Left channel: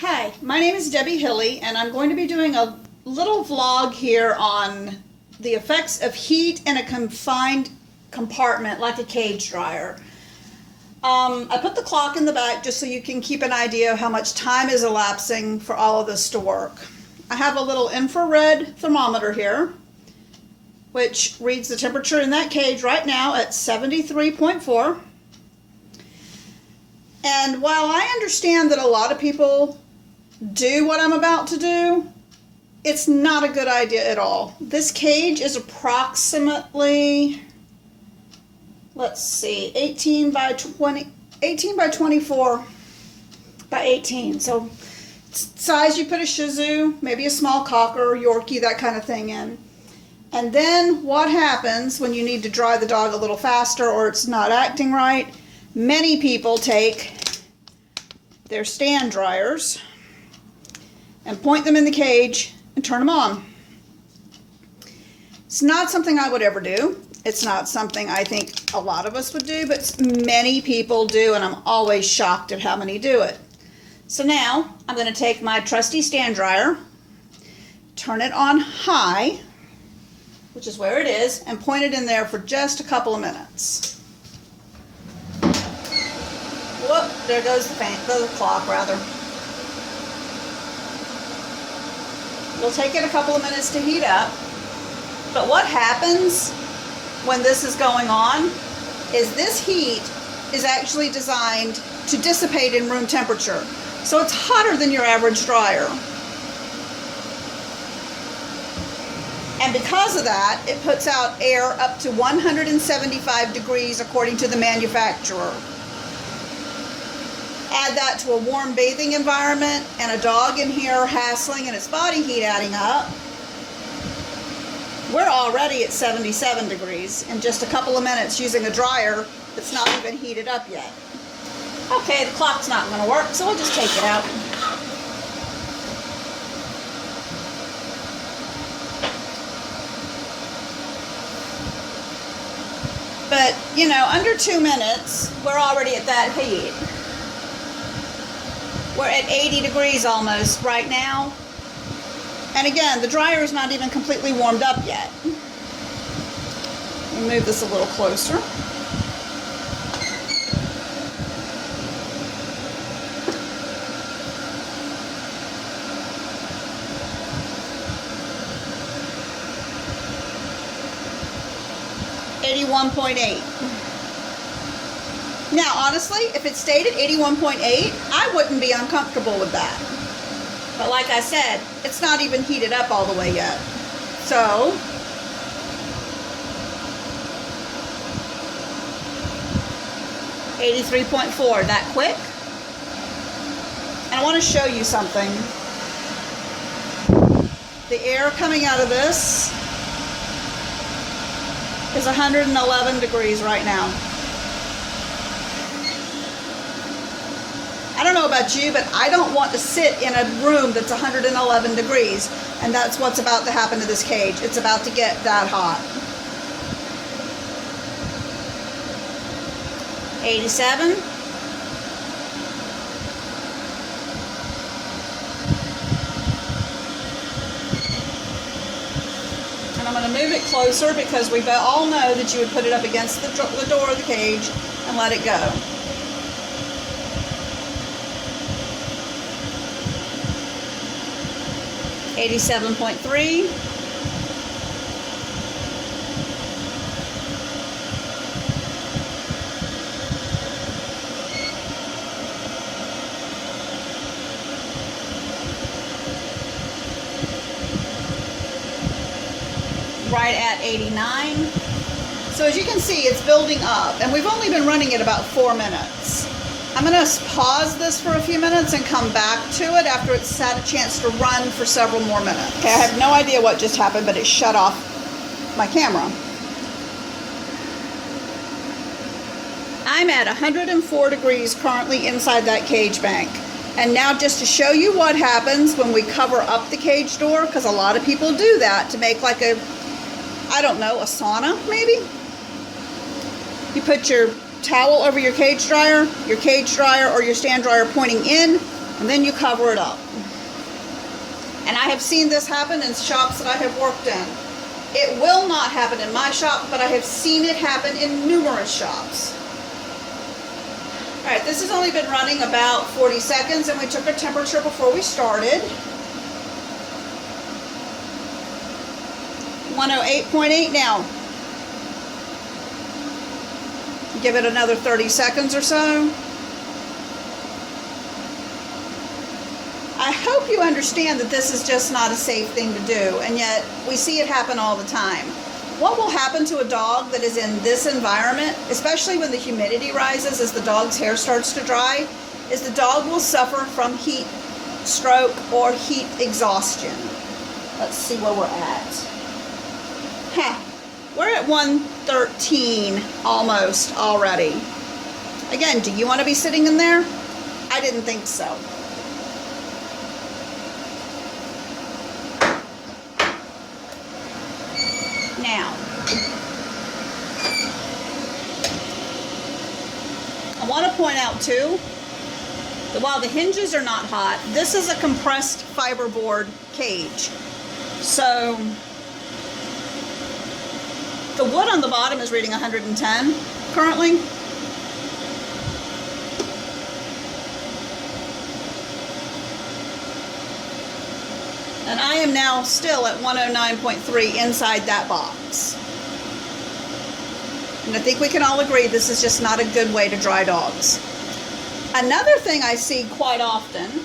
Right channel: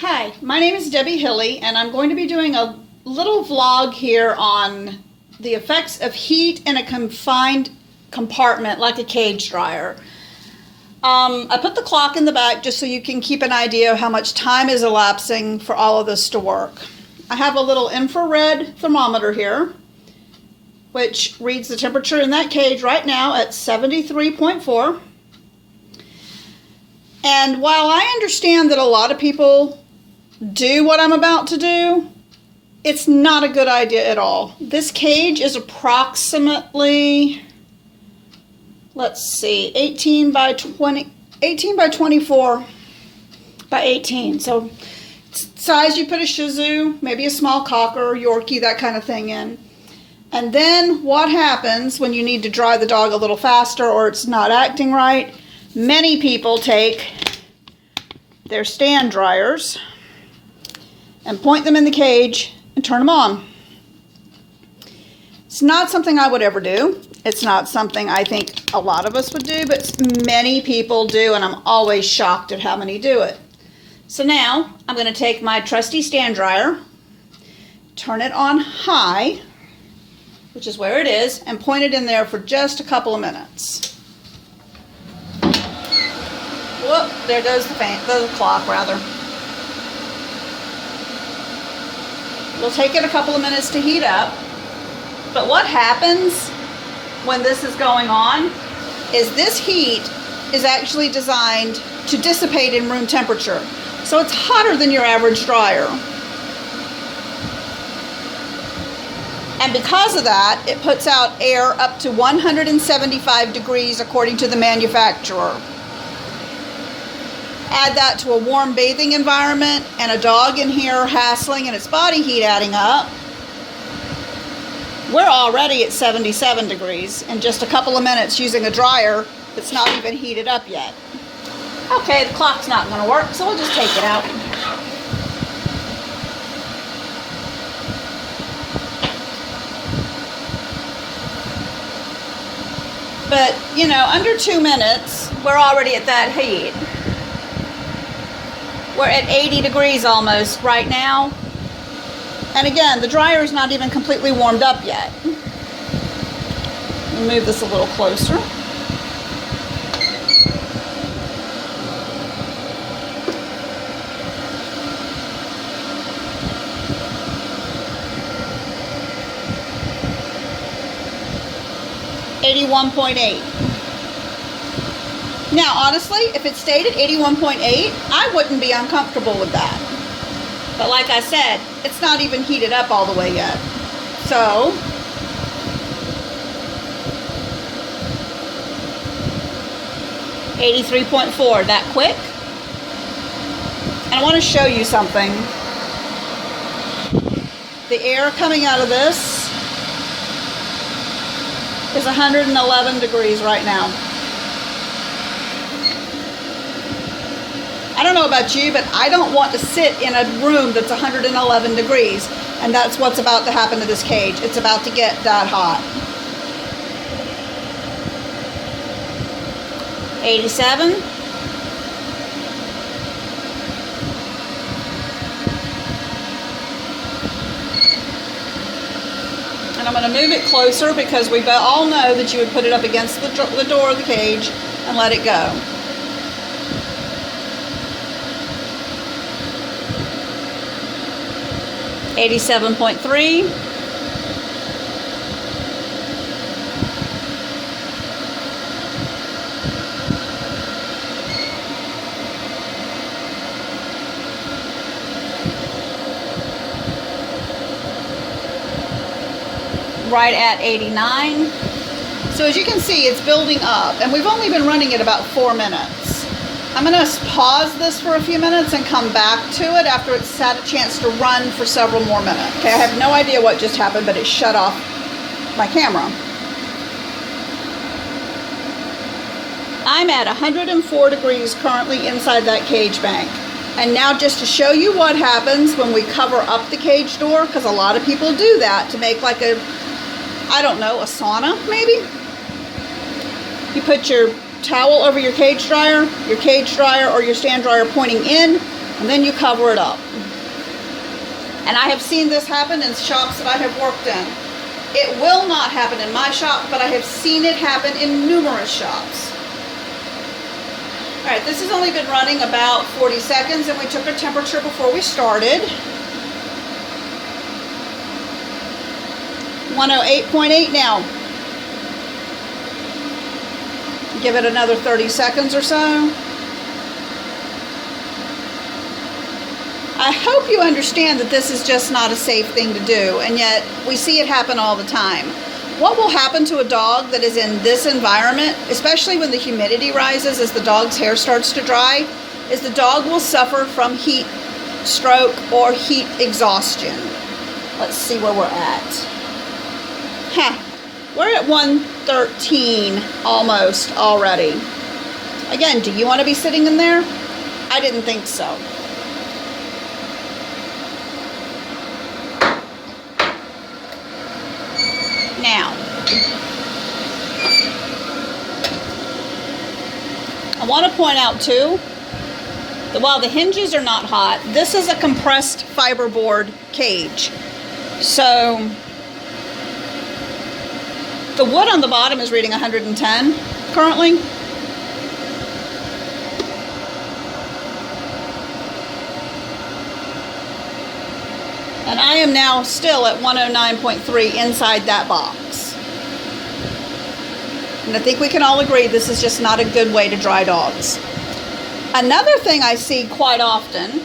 Hi, my name is Debbie Hilly, and I'm going to be doing a little vlog here on the effects of heat in a confined compartment like a cage dryer. I put the clock in the back just so you can keep an idea of how much time is elapsing for all of this to work. I have a little infrared thermometer here, which reads the temperature in that cage right now at 73.4. And while I understand that a lot of people do what I'm about to do, it's not a good idea at all. This cage is approximately, let's see, 18 by 24 by 18. So size you put a Shih Tzu, maybe a small Cocker, Yorkie, that kind of thing in. And then what happens when you need to dry the dog a little faster or it's not acting right? Many people take their stand dryers and point them in the cage and turn them on. It's not something I would ever do. It's not something I think a lot of us would do, but many people do, and I'm always shocked at how many do it. So now I'm going to take my trusty stand dryer, turn it on high, which is where it is, and point it in there for just a couple of minutes. Whoop, there goes the clock rather. We'll take it a couple of minutes to heat up. But what happens when this is going on is this heat is actually designed to dissipate in room temperature. So it's hotter than your average dryer. And because of that, it puts out air up to 175 degrees according to the manufacturer. Add that to a warm bathing environment and a dog in here hassling and its body heat adding up. We're already at 77 degrees in just a couple of minutes using a dryer that's not even heated up yet. Okay, the clock's not going to work, so we'll just take it out. But, you know, under 2 minutes, we're already at that heat. We're at 80 degrees almost right now. And again, the dryer is not even completely warmed up yet. Let me move this a little closer. .8. Now, honestly, if it stayed at 81.8, I wouldn't be uncomfortable with that. But like I said, it's not even heated up all the way yet. So, .83, that quick. And I want to show you something. The air coming out of this is 111 degrees right now. I don't know about you, but I don't want to sit in a room that's 111 degrees, and that's what's about to happen to this cage. It's about to get that hot. 87. And I'm going to move it closer because we all know that you would put it up against the door of the cage and let it go. 87.3. Right at 89. So as you can see, it's building up, and we've only been running it about 4 minutes. I'm going to pause this for a few minutes and come back to it after it's had a chance to run for several more minutes. Okay, I have no idea what just happened, but it shut off my camera. I'm at 104 degrees currently inside that cage bank. And now just to show you what happens when we cover up the cage door, because a lot of people do that to make like a, I don't know, a sauna maybe? You put your towel over your cage dryer or your stand dryer pointing in, And then you cover it up. And I have seen this happen in shops that I have worked in. It will not happen in my shop, but I have seen it happen in numerous shops. All right, this has only been running about 40 seconds, and we took a temperature before we started. 108.8 now. Give it another 30 seconds or so. I hope you understand that this is just not a safe thing to do, and yet we see it happen all the time. What will happen to a dog that is in this environment, especially when the humidity rises as the dog's hair starts to dry, is the dog will suffer from heat stroke or heat exhaustion. Let's see where we're at. We're at 113 almost already. Again, do you want to be sitting in there? I didn't think so. Now, I want to point out too that while the hinges are not hot, this is a compressed fiberboard cage. So the wood on the bottom is reading 110 currently. And I am now still at 109.3 inside that box. And I think we can all agree this is just not a good way to dry dogs. Another thing I see quite often,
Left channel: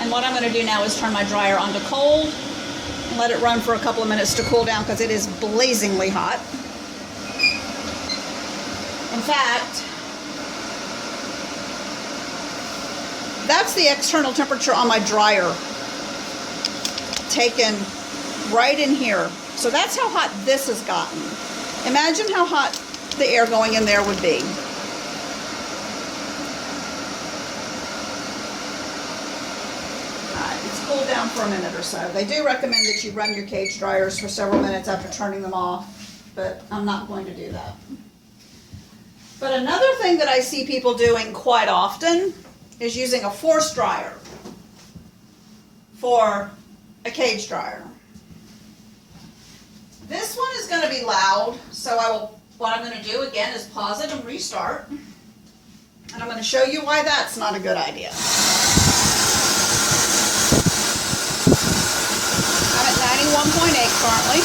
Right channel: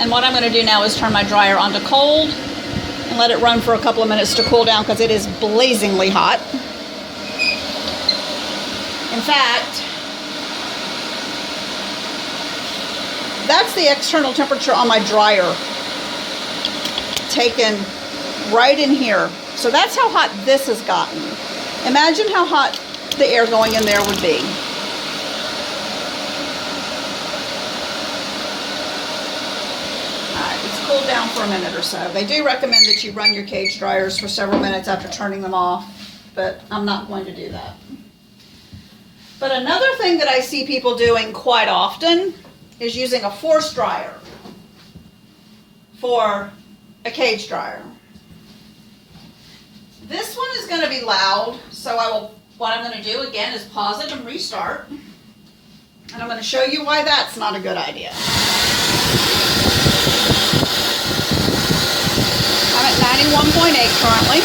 and what I'm going to do now is turn my dryer onto cold and let it run for a couple of minutes to cool down because it is blazingly hot. In fact, that's the external temperature on my dryer, taken right in here. So that's how hot this has gotten. Imagine how hot the air going in there would be. All right, it's cooled down for a minute or so. They do recommend that you run your cage dryers for several minutes after turning them off, but I'm not going to do that. But another thing that I see people doing quite often is using a force dryer for a cage dryer. This one is going to be loud, so what I'm going to do again is pause it and restart. And I'm going to show you why that's not a good idea. I'm at 91.8 currently.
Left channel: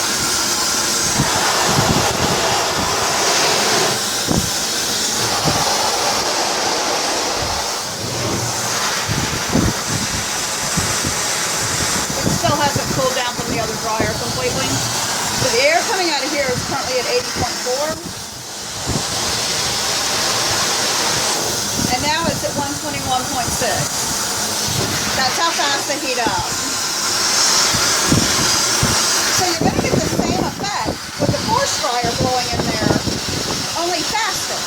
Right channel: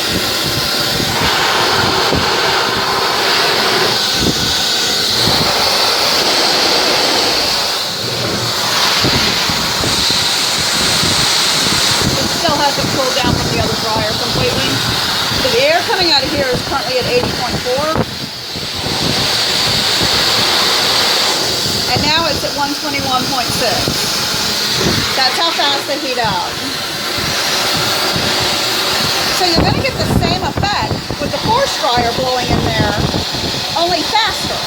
Hasn't cooled down from the other dryer completely. So the air coming out of here is currently at 80.4. And now it's at 121.6. That's how fast they heat up. So you're going to get the same effect with the force dryer blowing in there, only faster,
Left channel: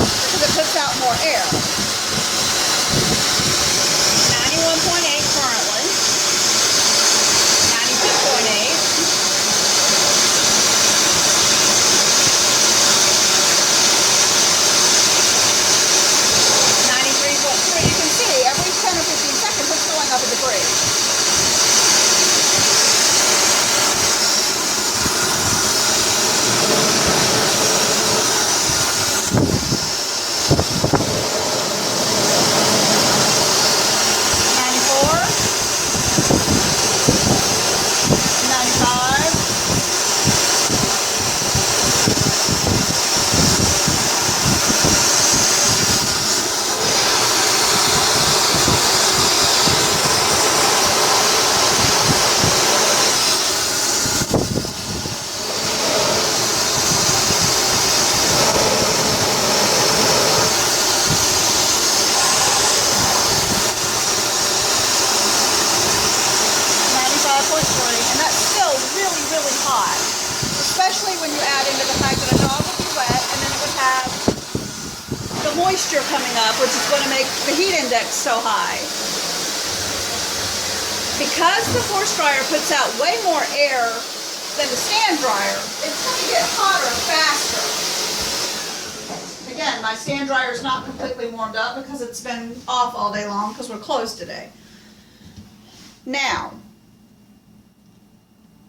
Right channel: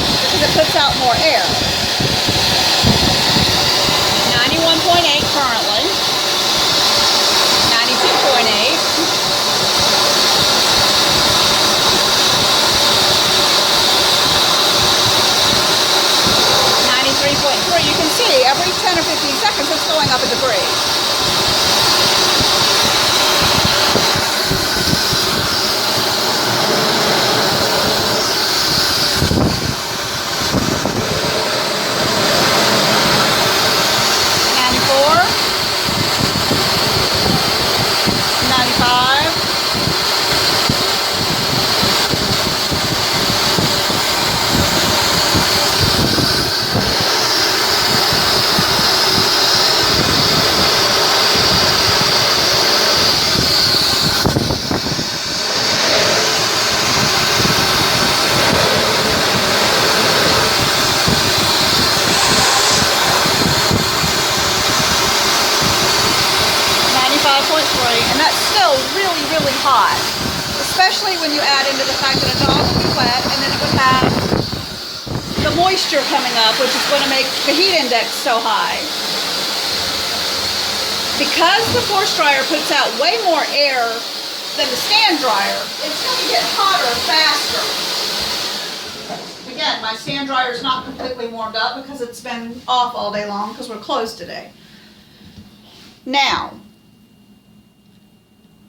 because it puts out more air. 91.8 currently. 93.3. You can see every 10 or 15 seconds it's going up a degree. Especially when you add into the fact that a dog will be wet and then it would have the moisture coming up, which is going to make the heat index so high. Because the force dryer puts out way more air than the stand dryer, it's going to get hotter faster. again, my stand dryer is not completely warmed up because it's been off all day long because we're closed today. Now,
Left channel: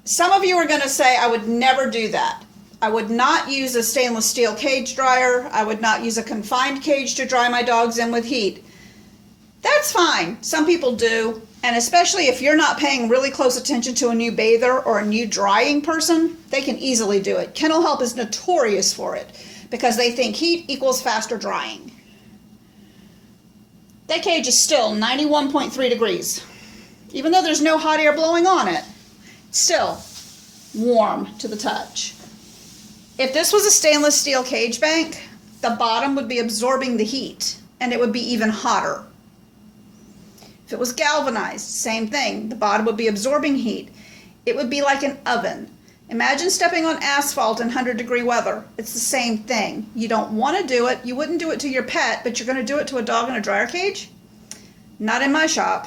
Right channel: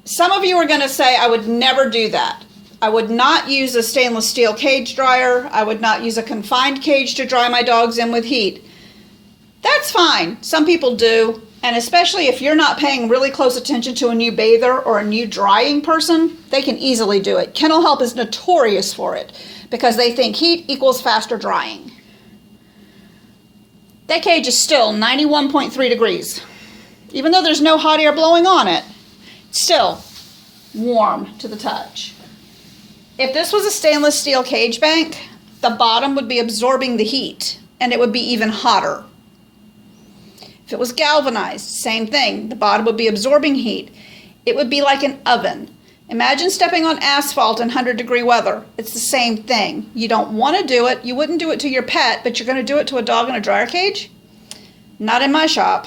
some of you are going to say, I would never do that. I would not use a stainless steel cage dryer. I would not use a confined cage to dry my dogs in with heat. That's fine. Some people do. And especially if you're not paying really close attention to a new bather or a new drying person, they can easily do it. Kennel Help is notorious for it because they think heat equals faster drying. That cage is still 91.3 degrees. Even though there's no hot air blowing on it, it's still warm to the touch. If this was a stainless steel cage bank, the bottom would be absorbing the heat and it would be even hotter. If it was galvanized, same thing. The bottom would be absorbing heat. It would be like an oven. Imagine stepping on asphalt in 100-degree weather. It's the same thing. You don't want to do it. You wouldn't do it to your pet, but you're going to do it to a dog in a dryer cage? Not in my shop.